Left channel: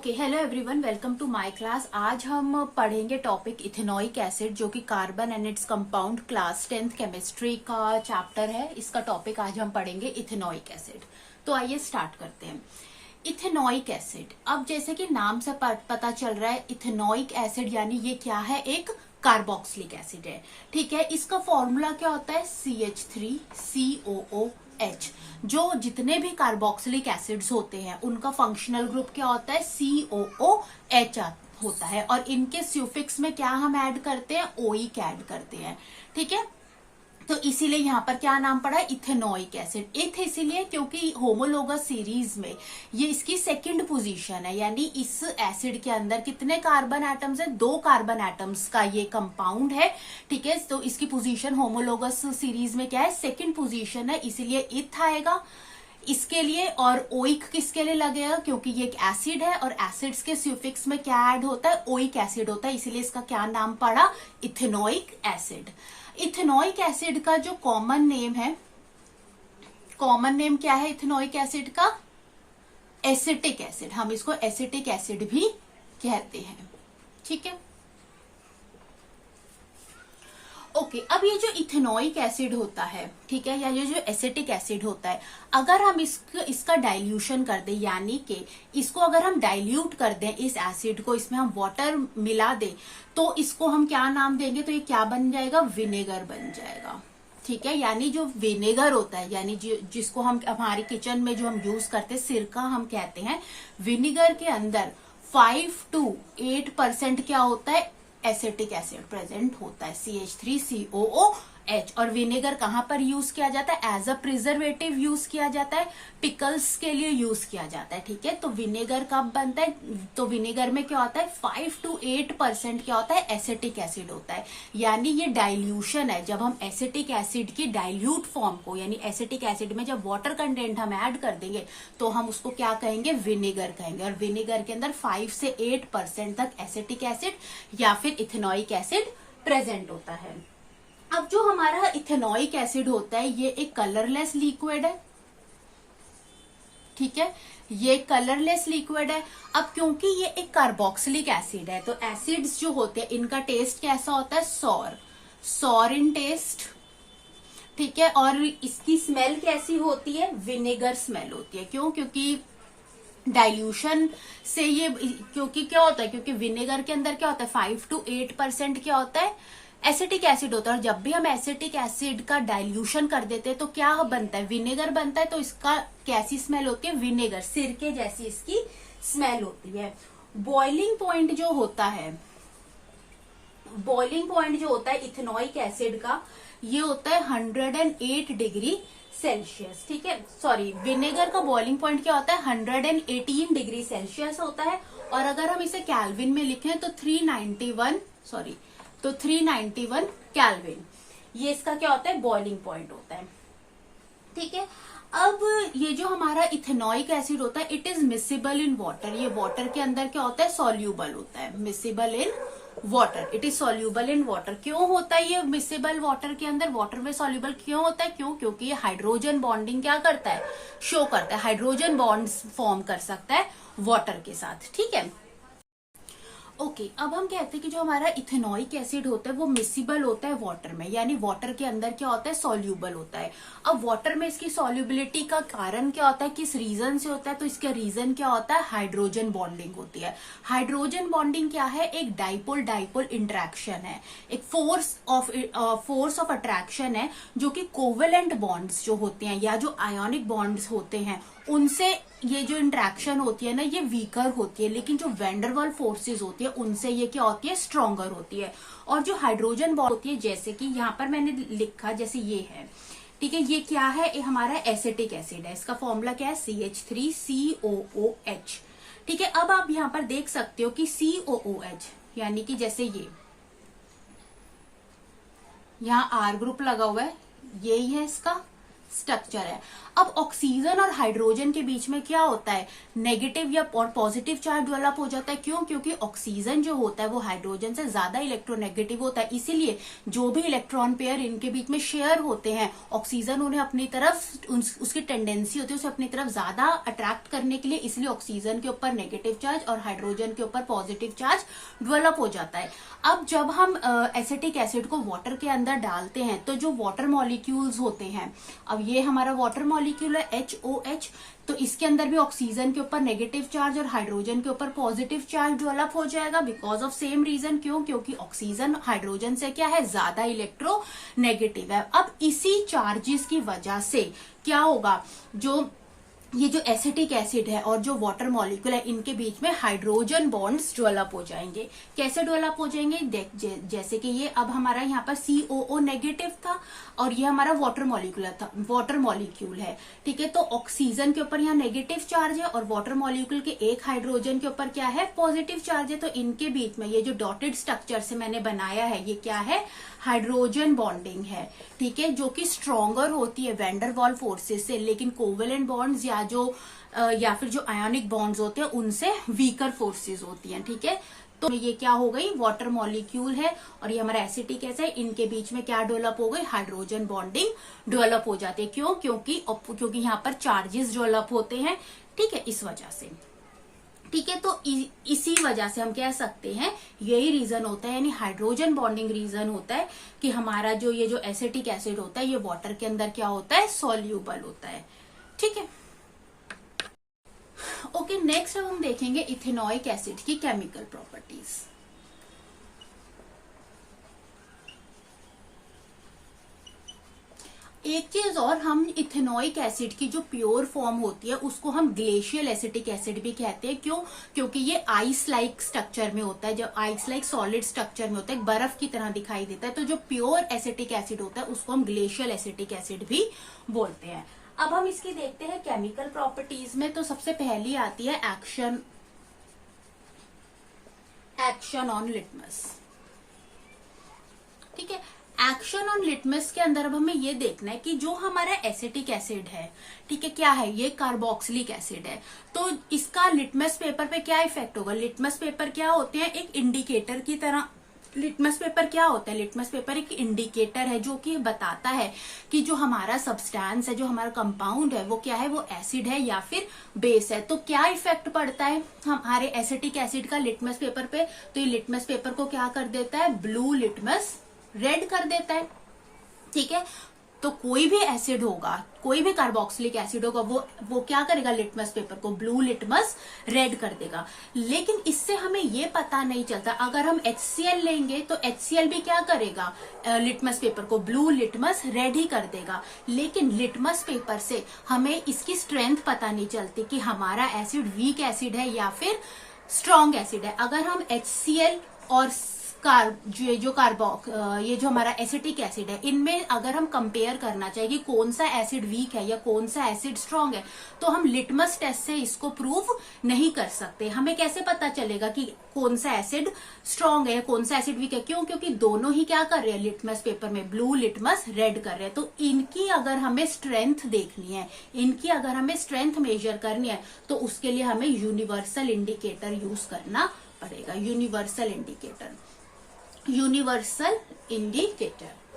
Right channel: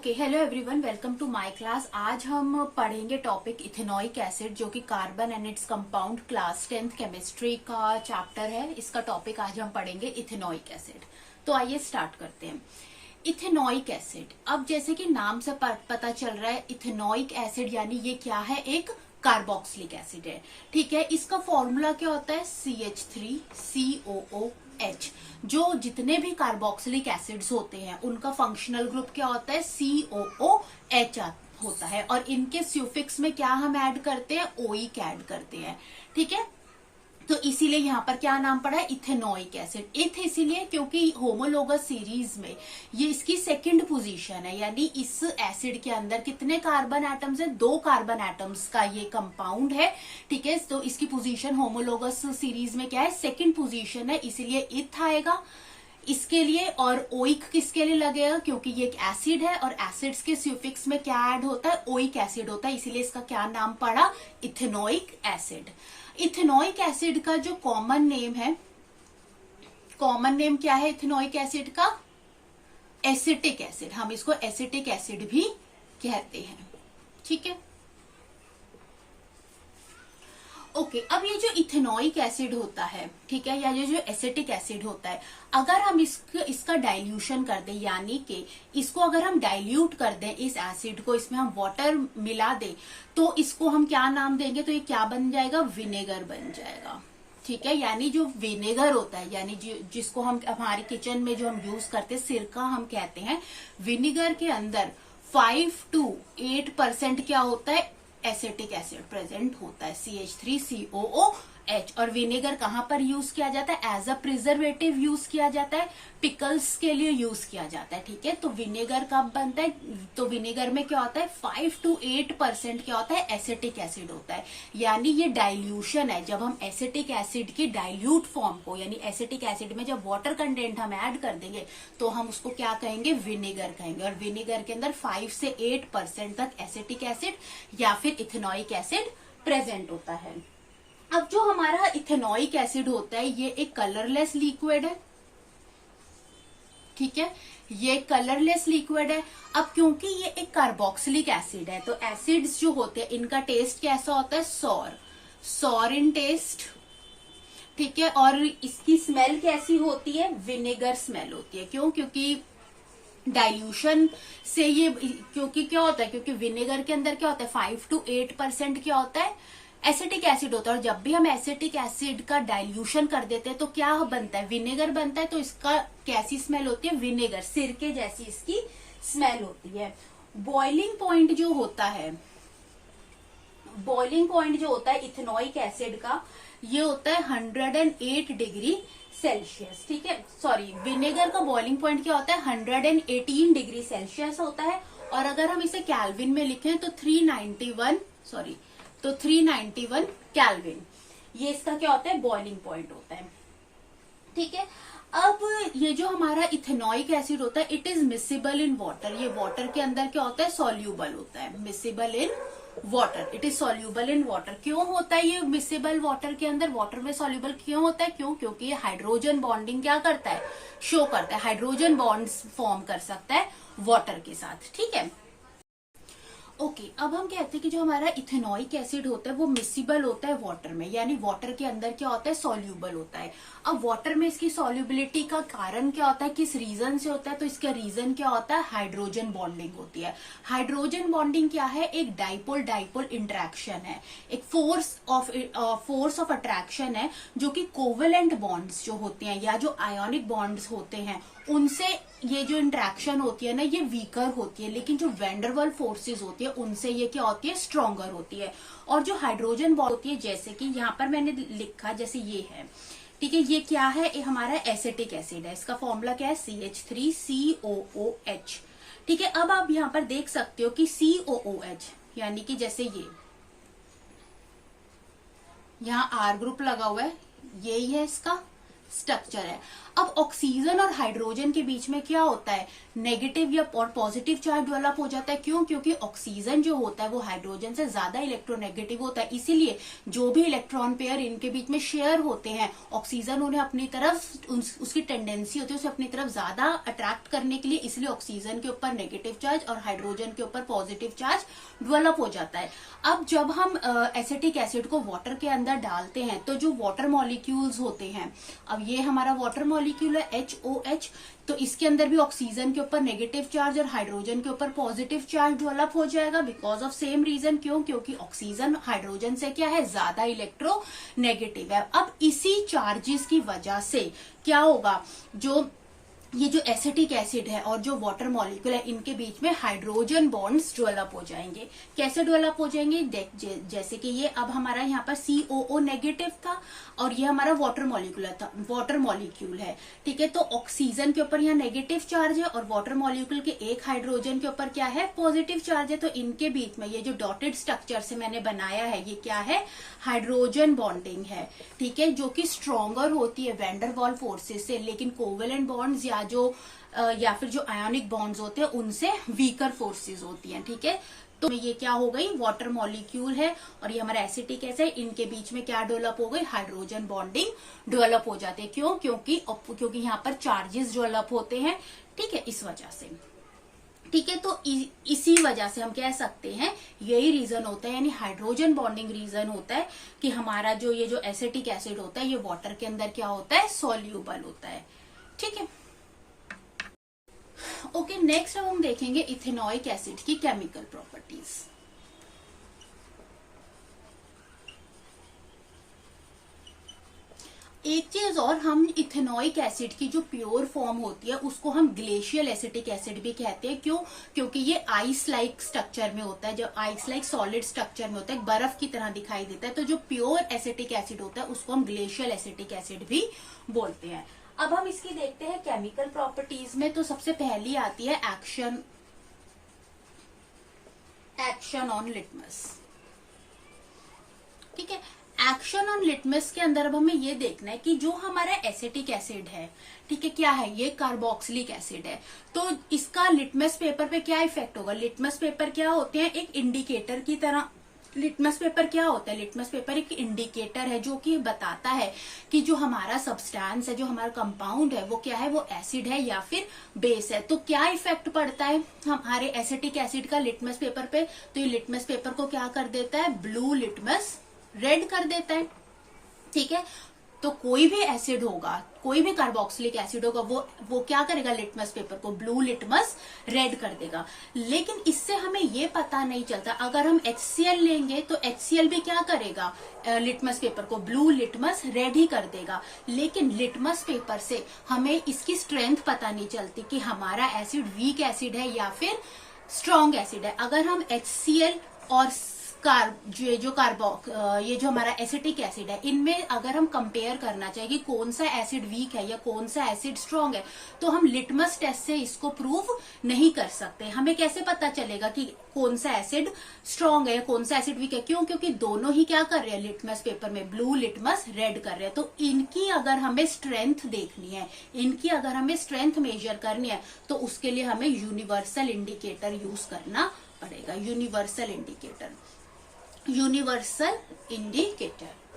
Okay, hello everyone, welcome to my class. आज हम पढ़ेंगे टॉपिक इथेनॉइक एसिड, जो कि carbon and its compound, class 10th chemistry का चैप्टर है। इसका टॉपिक आज हम पढ़ेंगे इथेनॉइक एसिड। तो आइए स्टार्ट करते हैं। इथेनॉइक एसिड, अब जैसे कि नाम से पता चल रहा है, इथेनॉइक एसिड यानी ये क्या है, एक कार्बोक्सिलिक एसिड है। ठीक है, इसका फॉर्मूला क्या होता है, CH3COOH। जो जितने भी कार्बोक्सिलिक एसिड्स होते हैं उनका फंक्शनल ग्रुप क्या होता है, COOH होता है। और इनके स्यूफिक्स में क्या हम ऐड करते हैं, ओइक ऐड करते हैं। ठीक है, तो इसीलिए यहाँ पर क्या नाम पड़ा है, इथेनॉइक एसिड। इथ इसीलिए क्योंकि होमोलोगस सीरीज में ये इसकी सेकंड पोजीशन है, यानी इस एसिड के अंदर कितने कार्बन एटम्स है, 2 कार्बन एटम्स का ये कंपाउंड है। ठीक है, तो इसकी पोजीशन होमोलोगस सीरीज में क्या है, सेकंड पोजीशन है, इसीलिए इथ आएगा इसके लिए। और ओइक किसके लिए लगेगा, क्योंकि ये एक एसिड है और एसिड्स के स्यूफिक्स में क्या ऐड होता है, ओइक एसिड होता है, इसीलिए इसका क्या नाम पड़ा, इथेनॉइक एसिड। इथेनॉइक एसिड का जो कॉमन नेम है, कॉमन नेम क्या है इथेनॉइक एसिड का, एसिटिक एसिड। हम इसको एसिटिक एसिड भी कहते हैं। ठीक है, ओके। अब ये जो इथेनॉइक एसिड होता है, ठीक है, या ये जो एसिटिक एसिड होता है, अगर हम इसका डाइल्यूशन कर दें, यानी कि इसको अगर हम डाइल्यूट कर दें, इस एसिड को, इसमें हम वाटर मिला दें, तो इसको हम क्या नाम देंगे, तो ये क्या बन जाएगा, विनेगर बन जाएगा। ठीक है, यानी जो विनेगर होता है, यानी जिसको हम हमारे किचन में जो हम यूज करते हैं, सिरका हम कहते हैं, विनेगर के अंदर 5 to 8% क्या होता है, एसिटिक एसिड प्रेजेंट होता है, CH3COOH। और विनेगर कहां पर यूज किया जाता है, एज अ प्रिजर्वेटिव यूज किया जाता है, पिकल्स के लिए यूज किया जाता है। ठीक है, तो विनेगर कब बनता है, तो विनेगर में क्या होता है, 5 to 8% क्या होता है, एसिटिक एसिड होता है। यानी ये डाइल्यूशन है, जब हम एसिटिक एसिड की डाइल्यूट फॉर्म को, यानी एसिटिक एसिड में जब वाटर कंटेंट हम ऐड कर देंगे, तो हम उसको क्या कहेंगे, विनेगर कहेंगे। और विनेगर के अंदर 5 से 8% तक एसिटिक एसिड या फिर इथेनॉइक एसिड प्रेजेंट होता है। अब जो हमारा इथेनॉइक एसिड होता है, ये एक कलरलेस लिक्विड है। ठीक है, ये कलरलेस लिक्विड है। अब क्योंकि ये एक कार्बोक्सिलिक एसिड है, तो एसिड्स जो होते हैं इनका टेस्ट कैसा होता है, सॉर इन टेस्ट। ठीक है, और इसकी स्मेल कैसी होती है, विनेगर स्मेल होती है। क्यों, क्योंकि डाइल्यूशन से ये, क्योंकि क्या होता है, क्योंकि विनेगर के अंदर क्या होता है, 5 to 8% क्या होता है, एसिटिक एसिड होता है। और जब भी हम एसिटिक एसिड का डाइल्यूशन कर देते हैं तो क्या बनता है, विनेगर बनता है। तो इसका कैसी स्मेल होती है, विनेगर, सिरके जैसी इसकी स्मेल होती है। बॉइलिंग पॉइंट जो होता है, बॉइलिंग पॉइंट जो होता है इथेनॉइक एसिड का, ये होता है 108 डिग्री सेल्सियस। ठीक है, सॉरी, विनेगर का बॉइलिंग पॉइंट क्या होता है, 118 डिग्री सेल्सियस होता है। और अगर हम इसे कैल्विन में लिखें तो 391 कैल्विन, ये इसका क्या होता है, बॉइलिंग पॉइंट होता है। ठीक है, अब ये जो हमारा इथेनॉइक एसिड होता है, it is miscible in water. ये वाटर के अंदर क्या होता है, सॉल्यूबल होता है, miscible in water, it is soluble in water. क्यों होता है ये मिसिबल वाटर के अंदर, वाटर में सॉल्यूबल क्यों होता है, क्यों, क्योंकि ये हाइड्रोजन बॉन्डिंग क्या करता है, शो करता है, हाइड्रोजन बॉन्ड्स फॉर्म कर सकता है वाटर के साथ। ठीक है, ओके, अब हम कहते हैं कि जो हमारा इथेनॉइक एसिड होता है वो मिसिबल होता है वाटर में, यानी वाटर के अंदर क्या होता है, सॉल्यूबल होता है। अब वाटर में इसकी सॉल्युबिलिटी का कारण क्या होता है, किस रीजन से होता है, तो इसका रीजन क्या होता है, हाइड्रोजन बॉन्डिंग होती है। हाइड्रोजन बॉन्डिंग क्या है, एक डाइपोल डाइपोल इंटरेक्शन है, एक फोर्स ऑफ अट्रैक्शन है, जो कि कोवेलेंट बॉन्ड्स जो होते हैं या जो आयोनिक बॉन्ड्स होते हैं उनसे ये जो इंटरेक्शन होती है ना, ये वीकर होती है। लेकिन जो वेंडरवल फोर्सेस होती है उनसे ये क्या होती है, स्ट्रॉन्गर होती है। और जो हाइड्रोजन बॉन्ड होती है, जैसे कि यहाँ पर मैंने लिखा, जैसे ये है, ठीक है, ये क्या है, ये हमारा एसिटिक एसिड है, इसका फॉर्मूला क्या है, CH3COOH। ठीक है, अब आप यहाँ पर देख सकते हो कि COOH, यानी कि जैसे ये यहाँ R ग्रुप लगा हुआ है, यही है इसका स्ट्रक्चर है। अब ऑक्सीजन और हाइड्रोजन के बीच में क्या होता है, नेगेटिव या और पॉजिटिव चार्ज डेवलप हो जाता है। क्यों? क्योंकि ऑक्सीजन जो होता है वो हाइड्रोजन से ज्यादा इलेक्ट्रोनेगेटिव होता है, इसीलिए जो भी इलेक्ट्रॉन पेयर इनके बीच में शेयर होते हैं, ऑक्सीजन उन्हें अपनी तरफ उसकी टेंडेंसी होती है उसे अपनी तरफ ज्यादा अट्रैक्ट करने के लिए, इसलिए ऑक्सीजन के ऊपर नेगेटिव चार्ज और हाइड्रोजन के ऊपर पॉजिटिव चार्ज डेवलप हो जाता है। अब जब हम एसिटिक एसिड को वाटर के अंदर डालते हैं तो जो वाटर मॉलिक्यूल्स होते हैं, अब ये हमारा वाटर मॉलिक्यूल है HOH, तो इसके अंदर भी ऑक्सीजन के ऊपर नेगेटिव चार्ज और हाइड्रोजन के ऊपर पॉजिटिव चार्ज डेवलप हो जाएगा बिकॉज ऑफ सेम रीजन। क्यों? क्योंकि ऑक्सीजन हाइड्रोजन से क्या है, ज्यादा इलेक्ट्रोनेगेटिव है। अब इसी चार्जेस की वजह से क्या होगा, जो ये जो एसिटिक एसिड है और जो वाटर मॉलिक्यूल है इनके बीच में हाइड्रोजन बॉन्ड्स डेवलप हो जाएंगे। कैसे डेवलप हो जाएंगे, जैसे कि ये अब हमारा यहाँ पर COO नेगेटिव था और ये हमारा वाटर मॉलिक्यूल है, ठीक है। तो ऑक्सीजन के ऊपर यहाँ नेगेटिव चार्ज है और वाटर मॉलिक्यूल के एक हाइड्रोजन के ऊपर क्या है, पॉजिटिव चार्ज है। तो इनके बीच में ये जो डॉटेड स्ट्रक्चर से मैंने बनाया है ये क्या है, हाइड्रोजन बॉन्डिंग है, ठीक है, जो कि स्ट्रॉन्गर होती है वैंडर वाल फोर्सेस से, लेकिन कोवेलेंट बॉन्ड्स या फिर जो आयोनिक बॉन्ड्स होते हैं उनसे वीकर फोर्सेस होती हैं, ठीक है। तो ये क्या हो गई, वाटर मॉलिक्यूल है और ये हमारा एसिटिक एसिड है, इनके बीच में क्या डेवलप हो गई, हाइड्रोजन बॉन्डिंग डेवलप हो जाती है। क्यों? क्योंकि यहाँ पर चार्जेस डेवलप होते हैं, ठीक है, इस वजह से, ठीक है। तो इसी वजह से हम कह सकते हैं यही रीजन होता है, यानी हाइड्रोजन बॉन्डिंग रीजन होता है कि हमारा ये जो एसिटिक एसिड होता है ये वाटर के अंदर क्या होता है, सॉल्यूबल होता है, ठीक है। ओके, नेक्स्ट अब हम देखेंगे इथेनॉइक एसिड की केमिकल प्रॉपर्टीज। एक चीज और, हम इथेनॉइक एसिड की जो प्योर फॉर्म होती है उसको हम ग्लेशियल एसिटिक एसिड भी कहते हैं। क्यों? क्योंकि ये आइस लाइक स्ट्रक्चर में होता है, जब आइस लाइक सॉलिड स्ट्रक्चर में होता है, बर्फ की तरह दिखाई देता है। तो जो प्योर एसिटिक एसिड होता है उसको हम ग्लेशियल एसिटिक एसिड भी बोलते हैं। अब हम इसकी देखते हैं केमिकल प्रॉपर्टीज में। तो सबसे पहली आती है एक्शन ऑन लिटमस, ठीक है। एक्शन ऑन लिटमस के अंदर अब हमें ये देखना है कि जो हमारा एसिटिक एसिड है, ठीक है, क्या है, ये कार्बोक्सिलिक एसिड है, तो इसका लिटमस पेपर पे क्या इफेक्ट होगा। लिटमस पेपर क्या होते हैं, एक इंडिकेटर की तरह। लिटमस पेपर क्या होता है, लिटमस पेपर एक इंडिकेटर है जो कि बताता है कि जो हमारा सब्सटेंस है, जो हमारा कंपाउंड है वो क्या है, वो एसिड है या फिर बेस है। तो क्या इफेक्ट पड़ता है हमारे एसिटिक एसिड का लिटमस पेपर पे, तो ये लिटमस पेपर को क्या कर देता है, ब्लू लिटमस रेड कर देता है, ठीक है। तो कोई भी एसिड होगा, कोई भी कार्बोक्सिलिक एसिड होगा, वो क्या करेगा, लिटमस पेपर को ब्लू लिटमस रेड कर देगा। लेकिन इससे हमें ये पता नहीं चलता, अगर हम HCl लेंगे तो HCl भी क्या करेगा, लिटमस पेपर को ब्लू लिटमस रेड ही कर देगा। लेकिन लिटमस पेपर से हमें इसकी स्ट्रेंथ पता नहीं चलती कि हमारा एसिड वीक एसिड है या फिर स्ट्रॉन्ग एसिड है। अगर हम HCl और ये जो हमारा एसिटिक एसिड है, इनमें अगर हम कंपेयर करना चाहिए कि कौन सा एसिड वीक है या कौन सा एसिड स्ट्रांग है, तो हम लिटमस टेस्ट से इसको प्रूव नहीं कर सकते। हमें कैसे पता चलेगा कि कौन सा एसिड स्ट्रांग है, कौन सा एसिड वीक है? क्यों? क्योंकि दोनों ही क्या कर रहे हैं, लिटमस पेपर में ब्लू लिटमस रेड कर रहे हैं। तो इनकी अगर हमें स्ट्रेंथ देखनी है, इनकी अगर हमें स्ट्रेंथ मेजर करनी है, तो उसके लिए हमें यूनिवर्सल इंडिकेटर यूज करना पड़ेगा। यूनिवर्सल इंडिकेटर,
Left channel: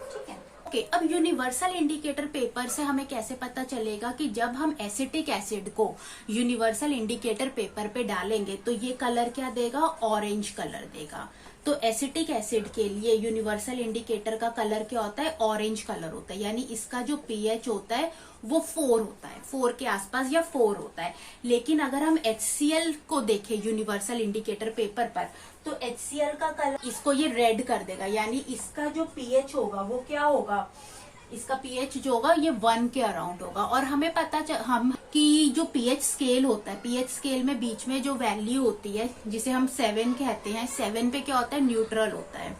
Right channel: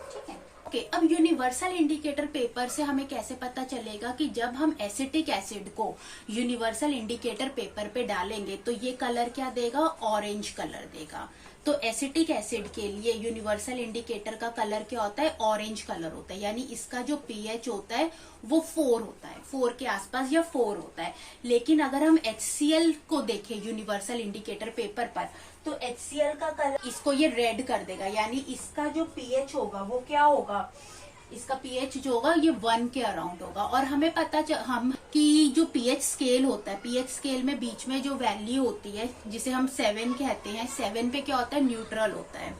ठीक है। ओके, अब यूनिवर्सल इंडिकेटर पेपर से हमें कैसे पता चलेगा कि जब हम एसिटिक एसिड को यूनिवर्सल इंडिकेटर पेपर पे डालेंगे तो ये कलर क्या देगा, ऑरेंज कलर देगा। तो एसिटिक एसिड के लिए यूनिवर्सल इंडिकेटर का कलर क्या होता है, ऑरेंज कलर होता है, यानी इसका जो pH होता है वो 4 होता है, 4 के आसपास या 4 होता है। लेकिन अगर हम HCl को देखें यूनिवर्सल इंडिकेटर पेपर पर, तो HCl का कलर इसको ये रेड कर देगा, यानी इसका जो pH होगा वो क्या होगा, इसका pH जो होगा ये 1 के अराउंड होगा। और हमें पता हम कि जो pH स्केल होता है, pH स्केल में बीच में जो वैल्यू होती है जिसे हम 7 कहते हैं, 7 पे क्या होता है, न्यूट्रल होता है,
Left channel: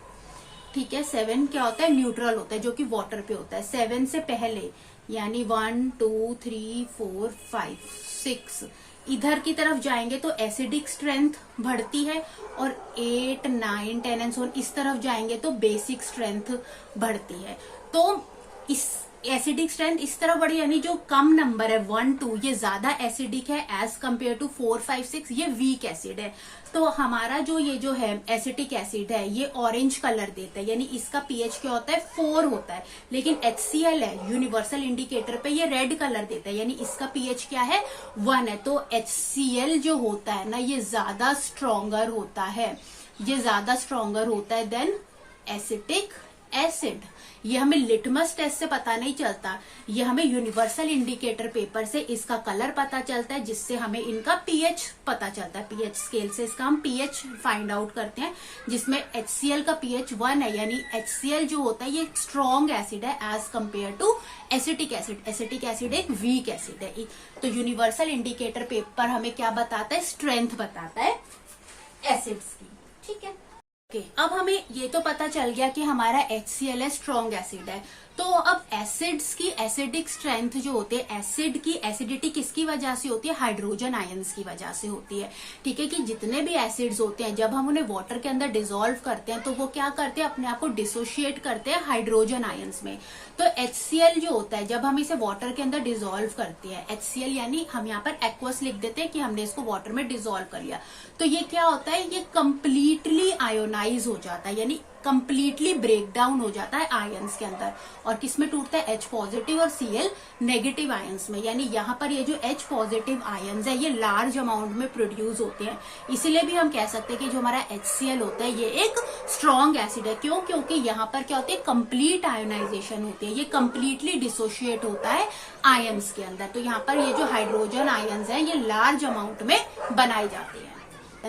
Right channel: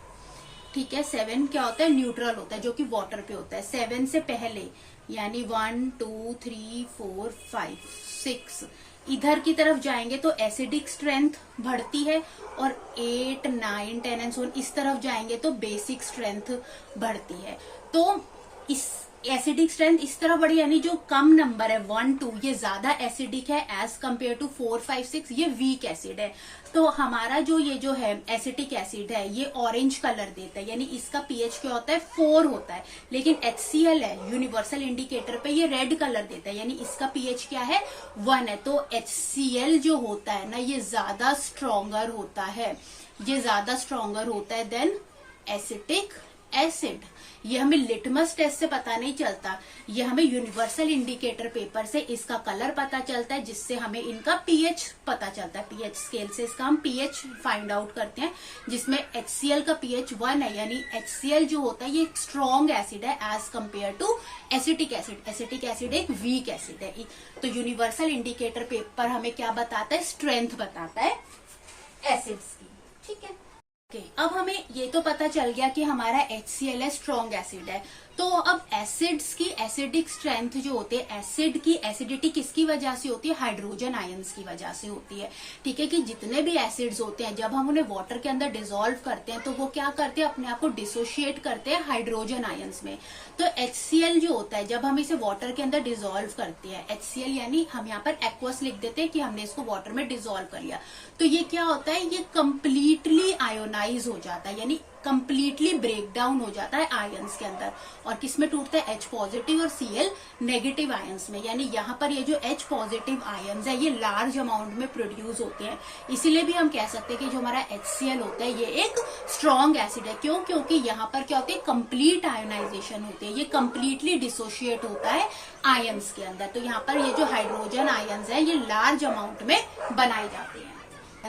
ठीक है। 7 क्या होता है, न्यूट्रल होता है, जो कि वाटर पे होता है। 7 से पहले यानी 1 2 3 4 5 6 इधर की तरफ जाएंगे तो एसिडिक स्ट्रेंथ बढ़ती है, और 8 9 10 एंड सो इस तरफ जाएंगे तो बेसिक स्ट्रेंथ बढ़ती है। तो एसिडिक स्ट्रेंथ इस तरह बढ़ी, यानी जो कम नंबर है 1 2 ये ज्यादा एसिडिक है एज कम्पेयर टू 4 5 6 ये वीक एसिड है। तो हमारा जो ये जो है एसिटिक एसिड है ये ऑरेंज कलर देता है, यानी इसका पीएच क्या होता है 4 होता है। लेकिन HCl है यूनिवर्सल इंडिकेटर पे ये रेड कलर देता है, यानी इसका पीएच क्या है 1 है। तो HCl जो होता है ना ये ज्यादा स्ट्रोंगर होता है, ये ज्यादा स्ट्रोंगर होता है देन एसिटिक एसिड। ये हमें लिटमस टेस्ट से पता नहीं चलता, ये हमें यूनिवर्सल इंडिकेटर पेपर से इसका कलर पता चलता है, जिससे हमें इनका पीएच पता चलता है। पीएच स्केल से इसका हम पीएच फाइंड आउट करते हैं, जिसमें HCl का पीएच 1 है, यानी HCl जो होता है ये एक स्ट्रॉन्ग एसिड है as compare to acetic acid. Acetic acid एक वीक एसिड है। तो यूनिवर्सल इंडिकेटर पेपर हमें क्या बताता है, स्ट्रेंथ बताता है एसिड्स की। ठीक है, अब हमें ये तो पता चल गया कि हमारा HCl है स्ट्रॉन्ग एसिड है। तो अब एसिड्स की एसिडिक स्ट्रेंथ जो होते हैं, एसिड की एसिडिटी किसकी वजह से होती है, हाइड्रोजन आयंस की वजह से होती है। ठीक है, कि जितने भी एसिड्स होते हैं जब हम उन्हें वाटर के अंदर डिसॉल्व करते हैं तो वो क्या करते हैं, अपने आप को डिसोशिएट करते हैं हाइड्रोजन आयंस में। तो HCl जो होता है जब हम इसे वाटर के अंदर डिसॉल्व करते हैं, HCl यानी हम यहाँ पर एक्वस लिख देते हैं कि हमने इसको वाटर में डिसॉल्व कर लिया, तो ये क्या होता है, ये कंप्लीटली आयोनाइज हो जाता है, यानी कंप्लीटली ब्रेक डाउन हो जाता है आयंस के अंदर। और किसमें टूटता है, H पॉजिटिव और Cl नेगेटिव आयंस में। यानी यहाँ पर ये जो H पॉजिटिव आयंस है ये लार्ज अमाउंट में प्रोड्यूस होते हैं। इसीलिए भी हम कह सकते हैं कि जो हमारा HCl होता है ये एक स्ट्रॉन्ग एसिड है। क्यों, क्योंकि यहाँ पर क्या होती है, कंप्लीट आयोनाइजेशन होती है, ये कंप्लीटली डिसोशिएट होता है आयंस के अंदर। तो यहाँ पर ये जो हाइड्रोजन आयंस है ये लार्ज अमाउंट में बनाए जाते हैं,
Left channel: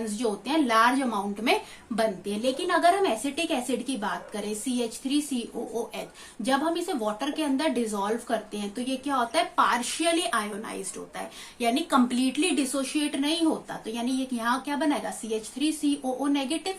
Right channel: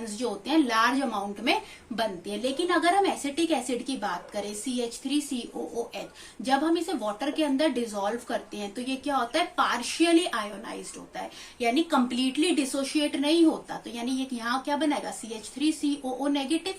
जो होते हैं लार्ज अमाउंट में बनते हैं। लेकिन अगर हम एसिटिक एसिड की बात करें, CH3COOH, जब हम इसे वाटर के अंदर डिसॉल्व करते हैं तो ये क्या होता है, पार्शियली आयोनाइज्ड होता है, यानी कंप्लीटली डिसोशिएट नहीं होता। तो यानी ये यहाँ क्या बनेगा, CH3COO negative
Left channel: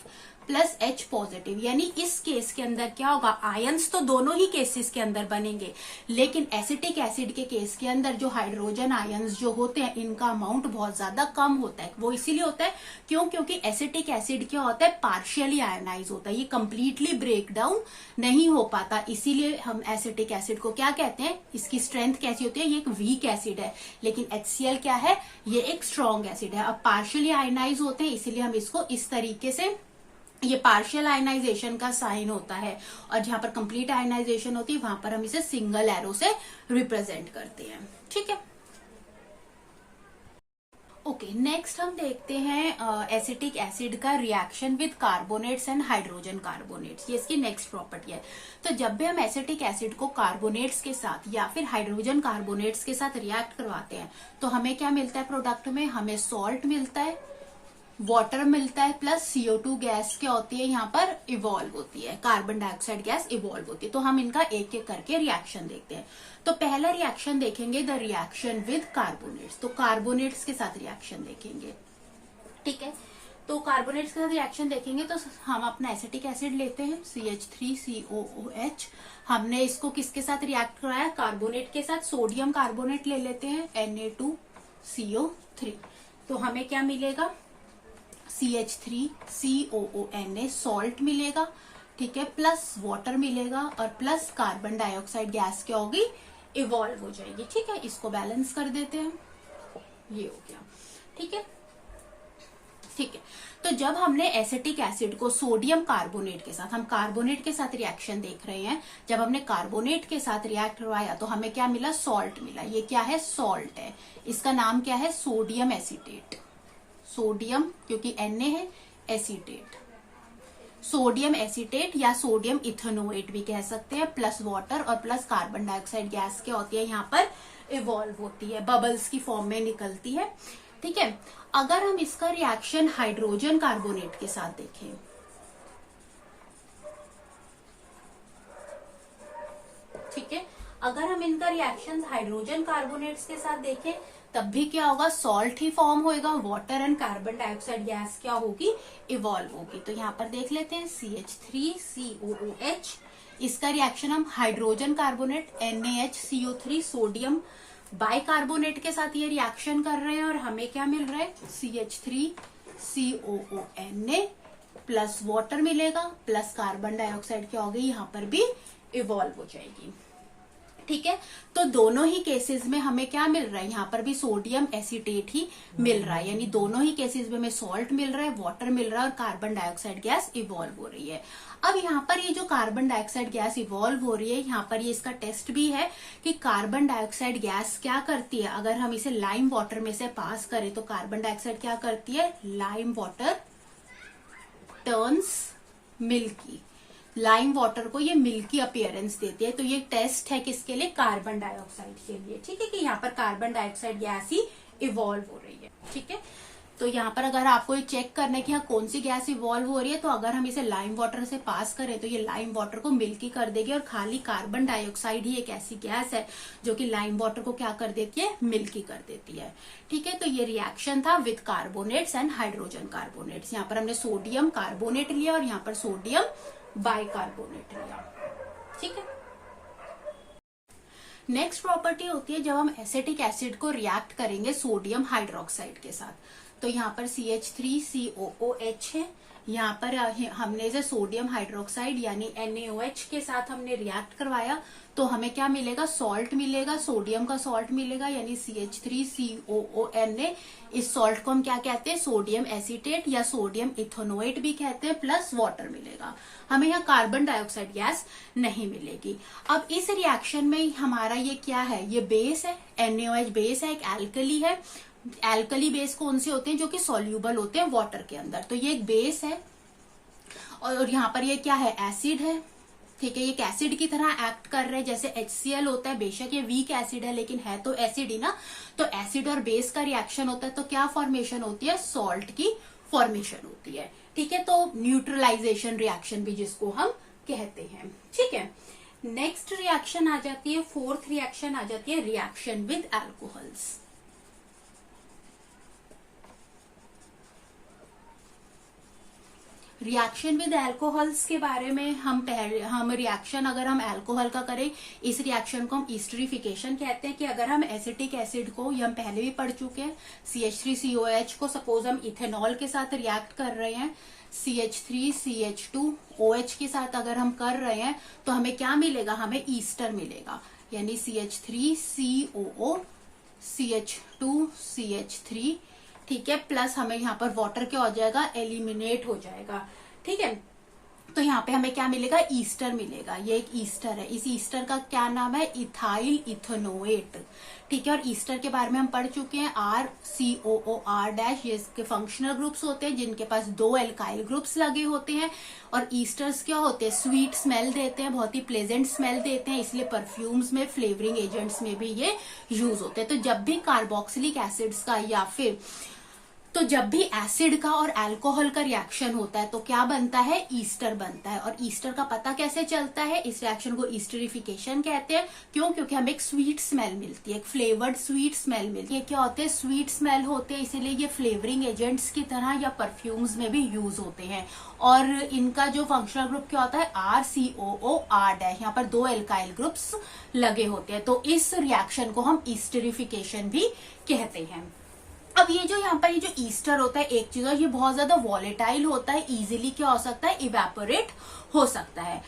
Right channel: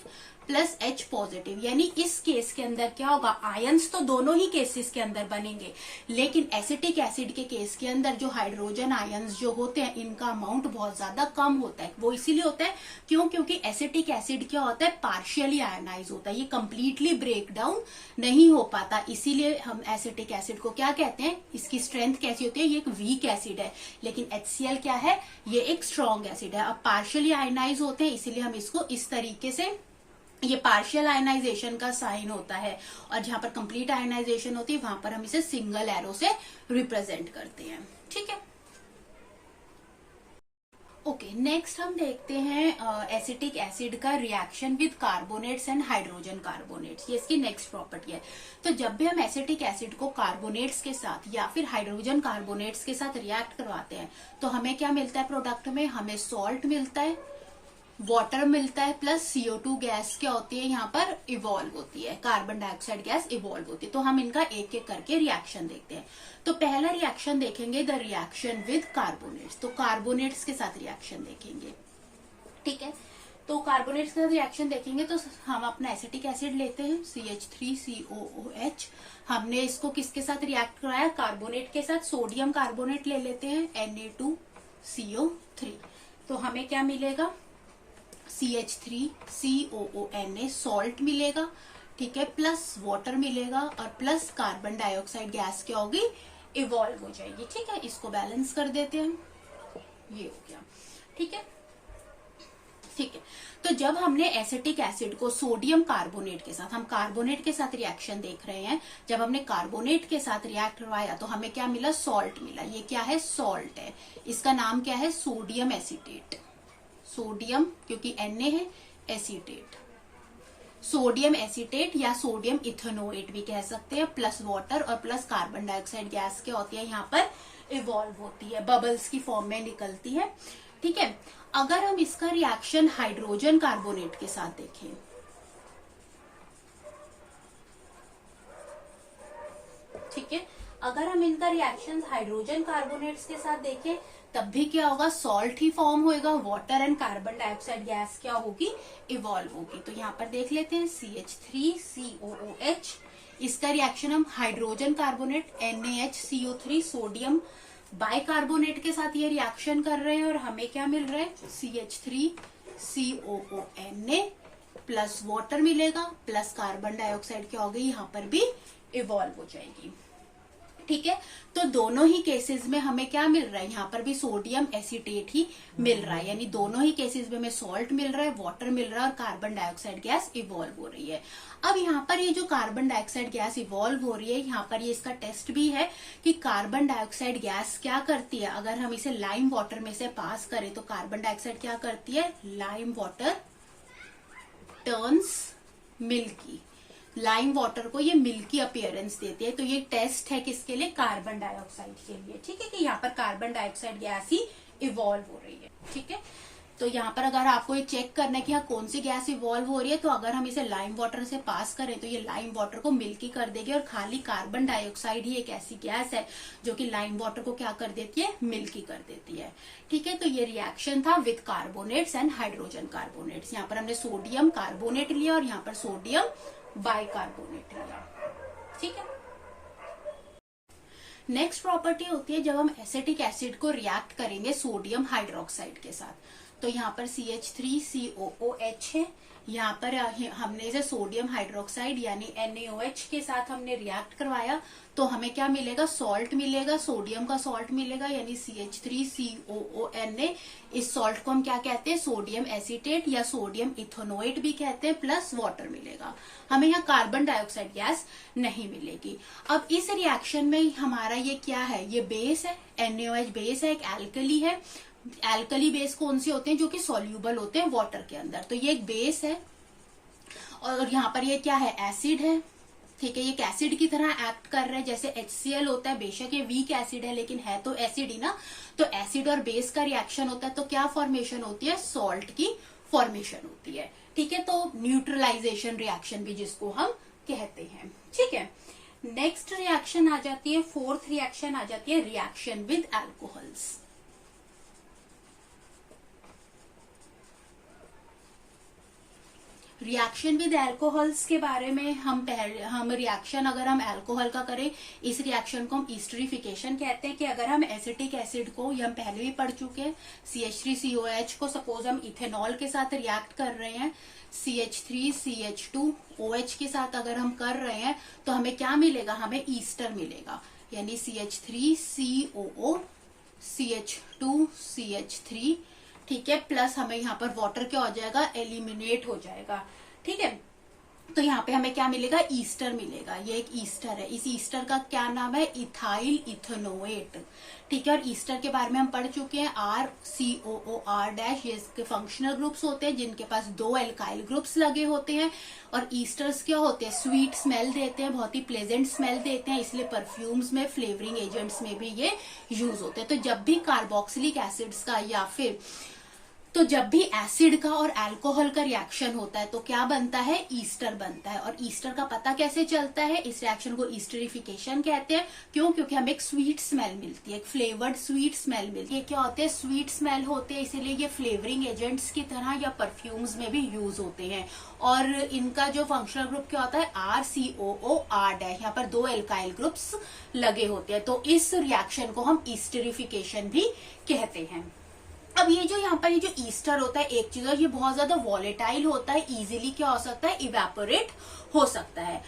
plus H positive. यानी इस केस के अंदर क्या होगा, आयंस तो दोनों ही केसेस के अंदर बनेंगे, लेकिन एसिटिक एसिड के केस के अंदर जो हाइड्रोजन आयंस जो होते हैं इनका अमाउंट बहुत ज्यादा कम होता है। वो इसीलिए होता है क्यों, क्योंकि एसिटिक एसिड क्या होता है, पार्शियली आयोनाइज होता है, ये कंप्लीटली ब्रेक डाउन नहीं हो पाता। इसीलिए हम एसिटिक एसिड को क्या कहते हैं, इसकी स्ट्रेंथ कैसी होती है, ये एक वीक एसिड है। लेकिन HCl क्या है, ये एक स्ट्रॉन्ग एसिड है। अब पार्शियली आयोनाइज होते हैं इसीलिए हम इसको इस तरीके से, ये पार्शियल आयनाइजेशन का साइन होता है, और जहां पर कंप्लीट आयनाइजेशन होती है वहां पर हम इसे सिंगल एरो से रिप्रेजेंट करते हैं। ठीक है, ओके, नेक्स्ट हम देखते हैं एसिटिक एसिड का reaction with carbonates and hydrogen carbonates. ये इसकी नेक्स्ट प्रॉपर्टी है। तो जब भी हम एसिटिक एसिड को कार्बोनेट्स के साथ या फिर हाइड्रोजन कार्बोनेट्स के साथ रिएक्ट करवाते हैं तो हमें क्या मिलता है प्रोडक्ट में, हमें सॉल्ट मिलता है, वाटर मिलता है, प्लस CO2 गैस क्या होती है यहाँ पर इवॉल्व होती है, कार्बन डाइऑक्साइड गैस इवॉल्व होती है। तो हम इनका एक एक करके रिएक्शन देखते हैं। तो पहला रिएक्शन देखेंगे द रिएक्शन विद कार्बोनेट्स। तो कार्बोनेट्स के साथ रिएक्शन देखेंगे। ठीक है, तो कार्बोनेट्स के साथ रिएक्शन देखेंगे तो हम अपना एसिटिक एसिड लेते हैं CH3COOH। हमने इसको किसके साथ रिएक्ट कराया, कार्बोनेट के साथ, सोडियम कार्बोनेट ले लेते हैं Na2CO3। तो हमें क्या मिलेगा, CH3COONA सॉल्ट मिलेगा, ठीक है, प्लस वाटर मिलेगा और प्लस कार्बन डाइऑक्साइड गैस क्या होगी, इवॉल्व हो जाएगी। ठीक है, इसको बैलेंस कर देते हैं, ये हो गया। ठीक है, ठीक है। तो जब हमने एसिटिक एसिड को सोडियम कार्बोनेट के साथ, हम कार्बोनेट के साथ रिएक्शन देख रहे हैं, जब हमने कार्बोनेट के साथ रिएक्ट करवाया तो हमें क्या मिला, सॉल्ट मिला। ये क्या है, सॉल्ट है, इसका नाम क्या है, सोडियम एसीटेट। सोडियम क्योंकि Na है, एसीटेट, सोडियम एसीटेट या सोडियम इथेनोएट भी कह सकते हैं, प्लस वाटर और प्लस कार्बन डाइऑक्साइड गैस क्या होती है, यहाँ पर इवॉल्व होती है, बबल्स की फॉर्म में निकलती है। ठीक है, अगर हम इसका रिएक्शन हाइड्रोजन कार्बोनेट के साथ देखें, ठीक है, अगर हम इनका रिएक्शन हाइड्रोजन कार्बोनेट्स के साथ देखें तब भी क्या होगा, सॉल्ट ही फॉर्म होएगा, water and carbon dioxide gas क्या होगी, इवॉल्व होगी। तो यहाँ पर देख लेते हैं CH3COOH, इसका रिएक्शन हम hydrogen carbonate NaHCO3 sodium bicarbonate के साथ ये रिएक्शन कर रहे हैं और हमें क्या मिल रहा है, CH3COONA प्लस वाटर मिलेगा, प्लस कार्बन डाइऑक्साइड क्या होगी, यहाँ पर भी इवॉल्व हो जाएगी। ठीक है। तो दोनों ही केसेस में हमें क्या मिल रहा है, यहाँ पर भी सोडियम एसीटेट ही मिल रहा है, यानी दोनों ही केसेस में हमें सॉल्ट मिल रहा है, वाटर मिल रहा है और कार्बन डाइऑक्साइड गैस इवॉल्व हो रही है। अब यहाँ पर ये जो कार्बन डाइऑक्साइड गैस इवॉल्व हो रही है, यहाँ पर ये इसका टेस्ट भी है कि कार्बन डाइऑक्साइड गैस क्या करती है। अगर हम इसे लाइम वाटर में से पास करें तो कार्बन डाइऑक्साइड क्या करती है, lime water turns milky, lime water को ये मिल्की अपीयरेंस देती है। तो ये टेस्ट है किसके लिए, कार्बन डाइऑक्साइड के लिए। ठीक है, कि यहाँ पर कार्बन डाइऑक्साइड गैस ही इवॉल्व हो रही है। ठीक है, तो यहाँ पर अगर आपको ये चेक करना है कि यहाँ कौन सी गैस इवॉल्व हो रही है, तो अगर हम इसे लाइम वाटर से पास करें तो ये लाइम वाटर को मिल्की कर देगी और खाली कार्बन डाइऑक्साइड ही एक ऐसी गैस है जो कि लाइम वाटर को क्या कर देती है, मिल्की कर देती है। ठीक है, तो ये रिएक्शन था with carbonates and hydrogen carbonates. यहाँ पर हमने सोडियम कार्बोनेट लिया और यहाँ पर सोडियम बाइकार्बोनेट लिया। ठीक है, नेक्स्ट प्रॉपर्टी होती है जब हम एसिटिक एसिड को रिएक्ट करेंगे सोडियम हाइड्रोक्साइड के साथ। तो यहाँ पर CH3COOH है, यहाँ पर हमने इसे सोडियम हाइड्रोक्साइड यानी NaOH के साथ हमने रिएक्ट करवाया, तो हमें क्या मिलेगा, सॉल्ट मिलेगा, सोडियम का सॉल्ट मिलेगा यानी CH3COONA। इस सॉल्ट को हम क्या कहते हैं, सोडियम एसीटेट या सोडियम इथेनोएट भी कहते हैं, प्लस वाटर मिलेगा। हमें यहाँ कार्बन डाइऑक्साइड गैस नहीं मिलेगी। अब इस रिएक्शन में हमारा ये क्या है, ये बेस है, NaOH बेस है, एक एल्कली है। एल्कली बेस कौन सी होते हैं, जो कि सॉल्यूबल होते हैं वाटर के अंदर, तो ये एक बेस है। और यहाँ पर ये क्या है, एसिड है। ठीक है, ये एक एसिड की तरह एक्ट कर रहा है, जैसे HCl होता है। बेशक ये वीक एसिड है लेकिन है तो एसिड ही ना। तो एसिड और बेस का रिएक्शन होता है तो क्या फॉर्मेशन होती है, सॉल्ट की फॉर्मेशन होती है। ठीक है, तो न्यूट्रलाइजेशन रिएक्शन भी जिसको हम कहते हैं। ठीक है, नेक्स्ट रिएक्शन आ जाती है, फोर्थ रिएक्शन आ जाती है reaction with alcohols. Reaction with alcohols के बारे में हम रिएक्शन अगर हम एल्कोहल का करें, इस रिएक्शन को हम ईस्टरिफिकेशन कहते हैं। कि अगर हम एसिटिक एसिड को, ये हम पहले भी पढ़ चुके हैं, CH3COH को सपोज हम इथेनॉल के साथ रिएक्ट कर रहे हैं, CH3CH2OH के साथ अगर हम कर रहे हैं तो हमें क्या मिलेगा, हमें ईस्टर मिलेगा, यानी CH3COO CH2CH3। ठीक है, प्लस हमें यहाँ पर वाटर क्या हो जाएगा, एलिमिनेट हो जाएगा। ठीक है, तो यहाँ पे हमें क्या मिलेगा, ईस्टर मिलेगा। ये एक ईस्टर है, इस ईस्टर का क्या नाम है, इथाइल इथेनोएट। ठीक है, और ईस्टर के बारे में हम पढ़ चुके हैं, RCOOR- ये इसके फंक्शनल ग्रुप्स होते हैं जिनके पास 2 एल्काइल ग्रुप्स लगे होते हैं। और ईस्टर्स क्या होते हैं, स्वीट स्मेल देते हैं, बहुत ही प्लेजेंट स्मेल देते हैं, इसलिए परफ्यूम्स में, फ्लेवरिंग एजेंट्स में भी ये यूज होते हैं। तो जब भी कार्बोक्सिलिक एसिड्स का या फिर तो जब भी एसिड का और अल्कोहल का रिएक्शन होता है तो क्या बनता है, ईस्टर बनता है। और ईस्टर का पता कैसे चलता है, इस रिएक्शन को ईस्टरिफिकेशन कहते हैं। क्यों, क्योंकि हमें एक स्वीट स्मेल मिलती है, एक फ्लेवर्ड स्वीट स्मेल मिलती है। क्या होते हैं, स्वीट स्मेल होते हैं, इसीलिए ये फ्लेवरिंग एजेंट्स की तरह या परफ्यूम्स में भी यूज होते हैं। और इनका जो फंक्शनल ग्रुप क्या होता है, RCOOR-। यहाँ पर 2 एल्काइल ग्रुप्स लगे होते हैं, तो इस रिएक्शन को हम ईस्टरिफिकेशन भी कहते हैं। अब ये जो यहाँ पर ये जो ईस्टर होता है, एक चीज, और ये बहुत ज्यादा वॉलेटाइल होता है, इजीली क्या हो सकता है, इवेपोरेट हो सकता है।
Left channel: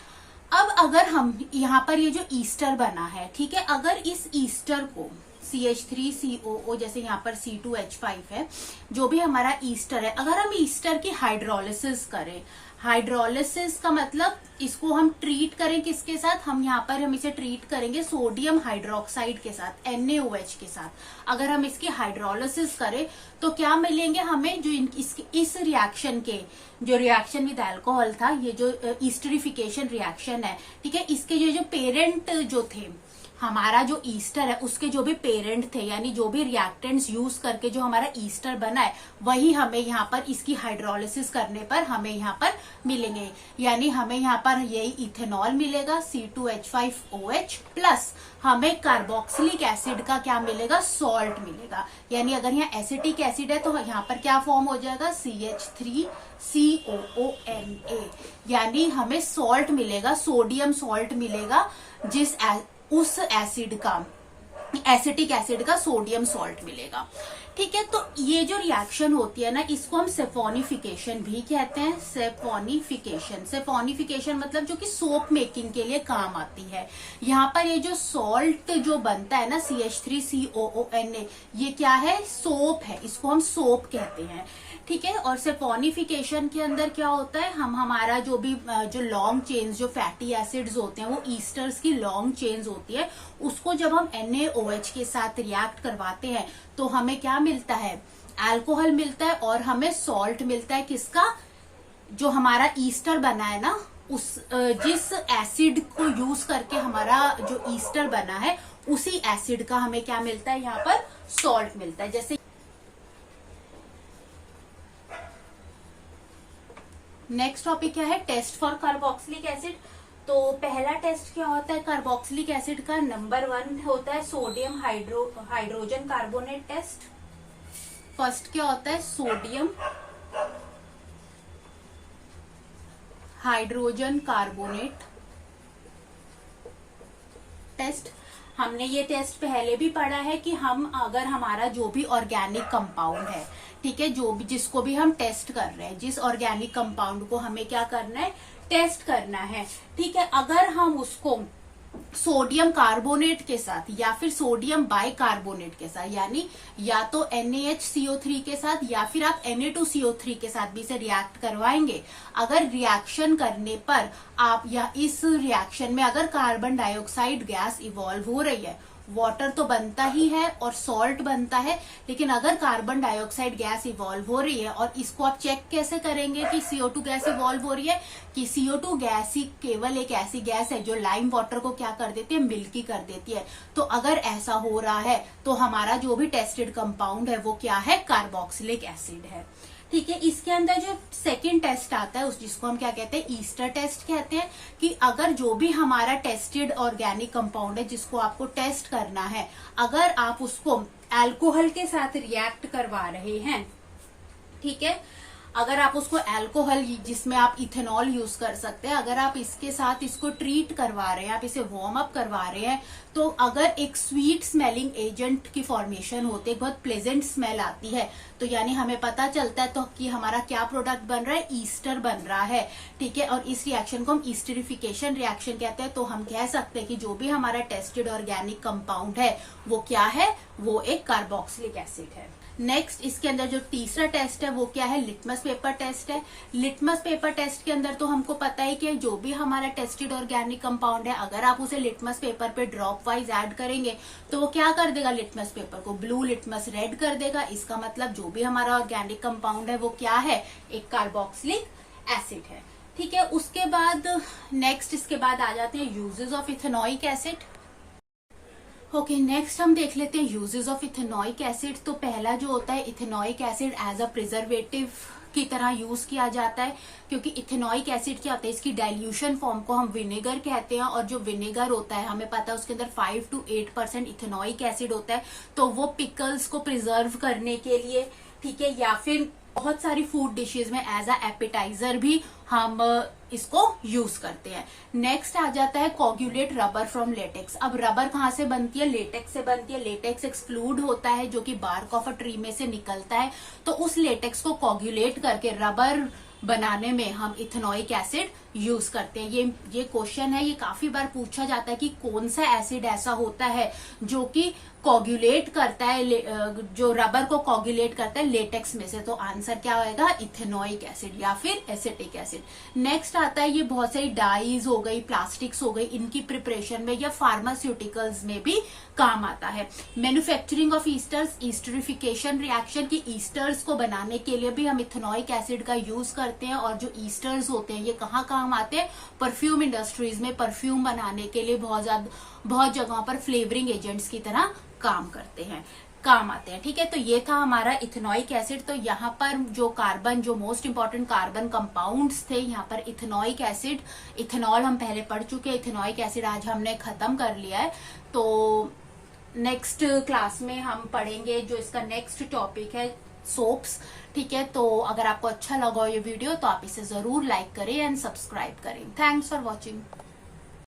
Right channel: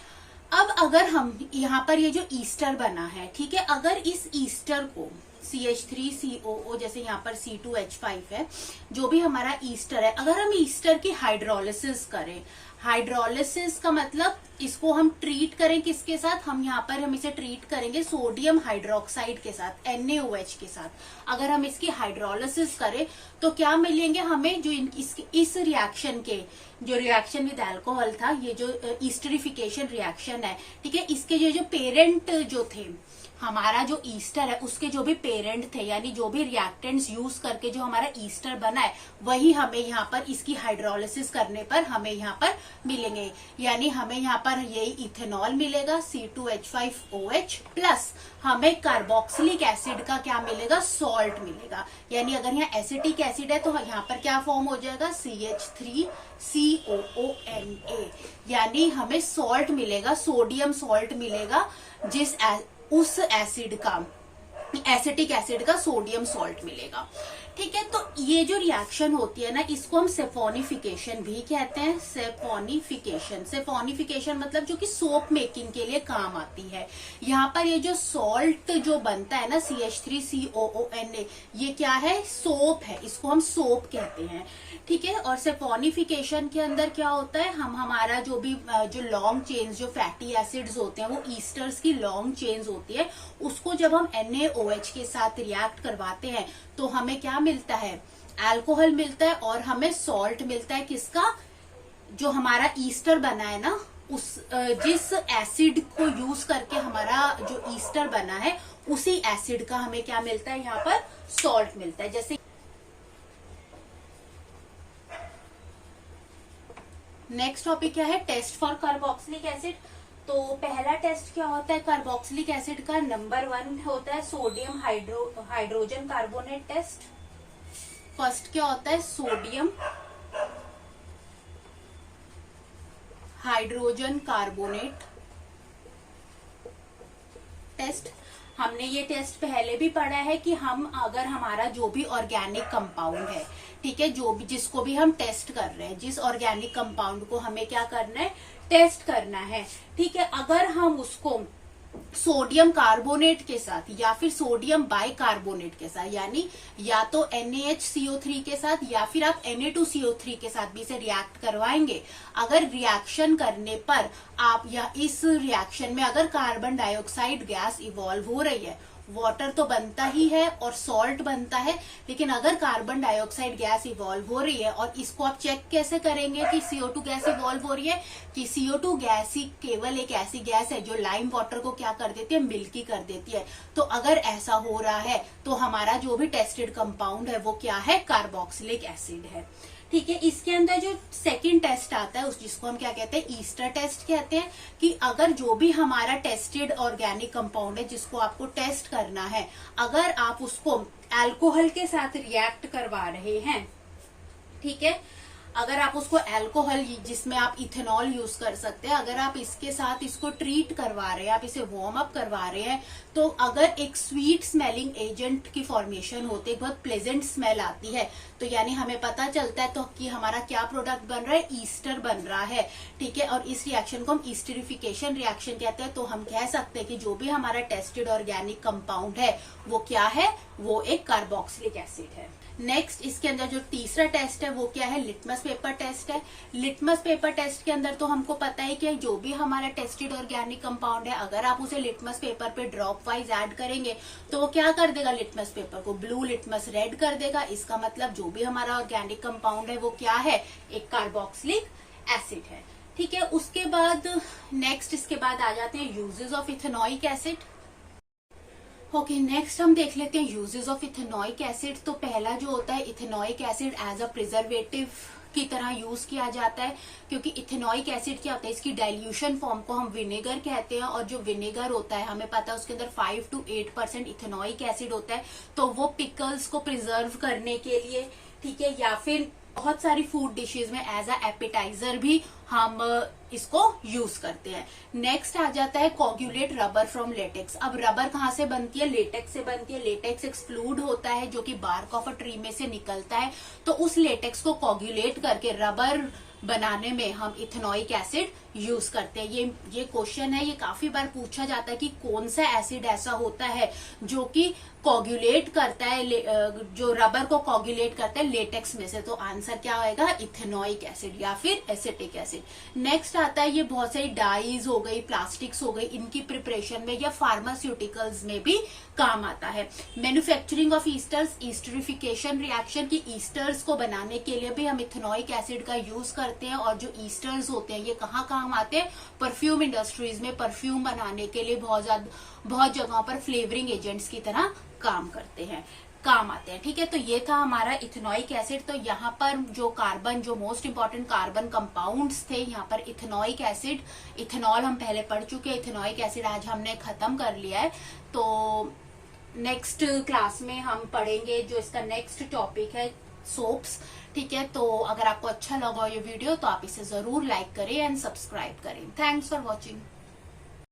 अब अगर हम यहाँ पर ये जो ईस्टर बना है, ठीक है, अगर इस ईस्टर को CH3COO, जैसे यहाँ पर C2H5 है, जो भी हमारा ईस्टर है, अगर हम ईस्टर की हाइड्रोलिसिस करें, हाइड्रोलिसिस का मतलब इसको हम ट्रीट करें किसके साथ, हम इसे ट्रीट करेंगे सोडियम हाइड्रोक्साइड के साथ, NaOH के साथ। अगर हम इसकी हाइड्रोलिसिस करें तो क्या मिलेंगे हमें, जो इस रिएक्शन के, जो रिएक्शन विद अल्कोहल था, ये जो ईस्टरिफिकेशन रिएक्शन है, ठीक है, इसके जो पेरेंट जो थे, हमारा जो ईस्टर है उसके जो भी पेरेंट थे, यानी जो भी रिएक्टेंट्स यूज करके जो हमारा ईस्टर बना है, वही हमें यहाँ पर इसकी हाइड्रोलिसिस करने पर हमें यहाँ पर मिलेंगे। यानी हमें यहाँ पर यही इथेनॉल मिलेगा, C2H5OH, प्लस हमें कार्बोक्सिलिक एसिड का क्या मिलेगा, सॉल्ट मिलेगा। यानी अगर यहाँ एसिटिक एसिड है तो यहाँ पर क्या फॉर्म हो जाएगा, CH3COONA, यानी हमें सॉल्ट मिलेगा, सोडियम सॉल्ट मिलेगा, उस एसिड का एसिटिक एसिड का सोडियम सॉल्ट मिलेगा। ठीक है, तो ये जो रिएक्शन होती है ना, इसको हम सेफोनिफिकेशन भी कहते हैं। सेफोनिफिकेशन मतलब जो कि सोप मेकिंग के लिए काम आती है। यहाँ पर ये जो सॉल्ट जो बनता है ना CH3COONA, ये क्या है? सोप है, इसको हम सोप कहते हैं। ठीक है, और सेफोनिफिकेशन के अंदर क्या होता है, हम हमारा जो भी जो लॉन्ग चेन्स जो फैटी एसिड्स होते हैं, वो ईस्टर्स की लॉन्ग चेन्स होती है, उसको जब हम NaOH के साथ रिएक्ट करवाते हैं तो हमें क्या मिलता है? अल्कोहल मिलता है, और हमें सॉल्ट मिलता है। किसका? जो हमारा ईस्टर बना है ना, उस जिस एसिड को यूज करके हमारा जो ईस्टर बना है, उसी एसिड का हमें क्या मिलता है? यहाँ पर सॉल्ट मिलता है। जैसे नेक्स्ट टॉपिक क्या है? Test for carboxylic acid. तो पहला टेस्ट क्या होता है कार्बोक्सिलिक एसिड का? नंबर 1 होता है sodium hydrogen carbonate test. First क्या होता है? Sodium hydrogen carbonate test. हमने ये टेस्ट पहले भी पढ़ा है कि हम अगर हमारा जो भी ऑर्गेनिक कंपाउंड है, ठीक है, जो भी जिसको भी हम टेस्ट कर रहे हैं, जिस ऑर्गेनिक कंपाउंड को हमें क्या करना है? टेस्ट करना है। ठीक है, अगर हम उसको सोडियम कार्बोनेट के साथ या फिर सोडियम बाइकार्बोनेट के साथ, यानी या तो NaHCO3 के साथ या फिर आप Na2CO3 के साथ भी इसे रिएक्ट करवाएंगे, अगर रिएक्शन करने पर आप या इस रिएक्शन में अगर कार्बन डाइऑक्साइड गैस इवॉल्व हो रही है, वाटर तो बनता ही है और सॉल्ट बनता है, लेकिन अगर कार्बन डाइऑक्साइड गैस इवॉल्व हो रही है, और इसको आप चेक कैसे करेंगे कि CO2 गैस इवॉल्व हो रही है? कि CO2 गैस ही केवल एक ऐसी गैस है जो लाइम वाटर को क्या कर देती है? मिल्की कर देती है। तो अगर ऐसा हो रहा है तो हमारा जो भी टेस्टेड कंपाउंड है वो क्या है? कार्बोक्सिलिक एसिड है। ठीक है, इसके अंदर जो सेकंड टेस्ट आता है, उस जिसको हम क्या कहते हैं? ईस्टर टेस्ट कहते हैं। कि अगर जो भी हमारा टेस्टेड ऑर्गेनिक कंपाउंड है जिसको आपको टेस्ट करना है, अगर आप उसको अल्कोहल के साथ रिएक्ट करवा रहे हैं, ठीक है, अगर आप उसको अल्कोहल जिसमें आप इथेनॉल यूज कर सकते हैं, अगर आप इसके साथ इसको ट्रीट करवा रहे हैं, आप इसे वार्म अप करवा रहे हैं, तो अगर एक स्वीट स्मेलिंग एजेंट की फॉर्मेशन होती है, बहुत प्लेजेंट स्मेल आती है, तो यानी हमें पता चलता है तो कि हमारा क्या प्रोडक्ट बन रहा है? ईस्टर बन रहा है। ठीक है, और इस रिएक्शन को हम ईस्टरिफिकेशन रिएक्शन कहते हैं। तो हम कह सकते हैं कि जो भी हमारा टेस्टेड ऑर्गेनिक कंपाउंड है वो क्या है? वो एक कार्बोक्सिलिक एसिड है। नेक्स्ट इसके अंदर जो तीसरा टेस्ट है वो क्या है? लिटमस पेपर टेस्ट है। लिटमस पेपर टेस्ट के अंदर तो हमको पता है कि जो भी हमारा टेस्टेड ऑर्गेनिक कंपाउंड है, अगर आप उसे लिटमस पेपर पे ड्रॉप वाइज ऐड करेंगे तो वो क्या कर देगा? लिटमस पेपर को ब्लू, लिटमस रेड कर देगा। इसका मतलब जो भी हमारा ऑर्गेनिक कंपाउंड है वो क्या है? एक कार्बोक्सिलिक एसिड है। ठीक है, उसके बाद नेक्स्ट इसके बाद आ जाते हैं uses of ethanoic acid. Okay, next हम देख लेते हैं यूजेस ऑफ इथेनॉइक एसिड। तो पहला जो होता है, ethanoic acid as a preservative की तरह यूज किया जाता है, क्योंकि इथेनॉइक एसिड क्या होता है? इसकी डाइल्यूशन फॉर्म को हम विनेगर कहते हैं, और जो विनेगर होता है हमें पता है उसके अंदर 5 to 8% इथेनॉइक एसिड होता है। तो वो पिकल्स को प्रिजर्व करने के लिए, ठीक है, या फिर बहुत सारी फूड डिशेज में एज अ एपेटाइजर भी हम इसको यूज करते हैं। नेक्स्ट आ जाता है कोगुलेट रबर फ्रॉम लेटेक्स। अब रबर कहाँ से बनती है? लेटेक्स से बनती है। लेटेक्स एक फ्लूइड होता है जो कि बार्क ऑफ अ ट्री में से निकलता है। तो उस लेटेक्स को कोगुलेट करके रबर बनाने में हम इथेनॉइक एसिड यूज करते हैं। ये क्वेश्चन है, ये काफी बार पूछा जाता है कि कौन सा एसिड ऐसा होता है जो कि कोगुलेट करता है, जो रबर को कोगुलेट करता है लेटेक्स में से। तो आंसर क्या होगा? इथेनॉइक एसिड या फिर एसिटिक एसिड। नेक्स्ट आता है, ये बहुत सारी डाइज हो गई, प्लास्टिक्स हो गई, इनकी प्रिपरेशन में या फार्मास्यूटिकल्स में भी काम आता है। मैन्युफैक्चरिंग ऑफ ईस्टर्स, ईस्टरिफिकेशन रिएक्शन की ईस्टर्स को बनाने के लिए भी हम इथेनॉइक एसिड का यूज करते हैं। और जो ईस्टर्स होते हैं ये कहाँ काम आते हैं? परफ्यूम इंडस्ट्रीज में परफ्यूम बनाने के लिए बहुत जगहों पर फ्लेवरिंग एजेंट्स की तरह काम आते हैं। ठीक है, तो ये था हमारा इथेनॉइक एसिड। तो यहाँ पर जो मोस्ट इंपॉर्टेंट कार्बन कंपाउंड्स थे, यहाँ पर इथेनॉइक एसिड, इथेनॉल हम पहले पढ़ चुके हैं, इथेनॉइक एसिड आज हमने खत्म कर लिया है। तो नेक्स्ट क्लास में हम पढ़ेंगे जो इसका नेक्स्ट टॉपिक है, सोप्स। ठीक है, तो अगर आपको अच्छा लगा ये वीडियो तो आप इसे जरूर लाइक करें एंड सब्सक्राइब करें। Thanks for watching.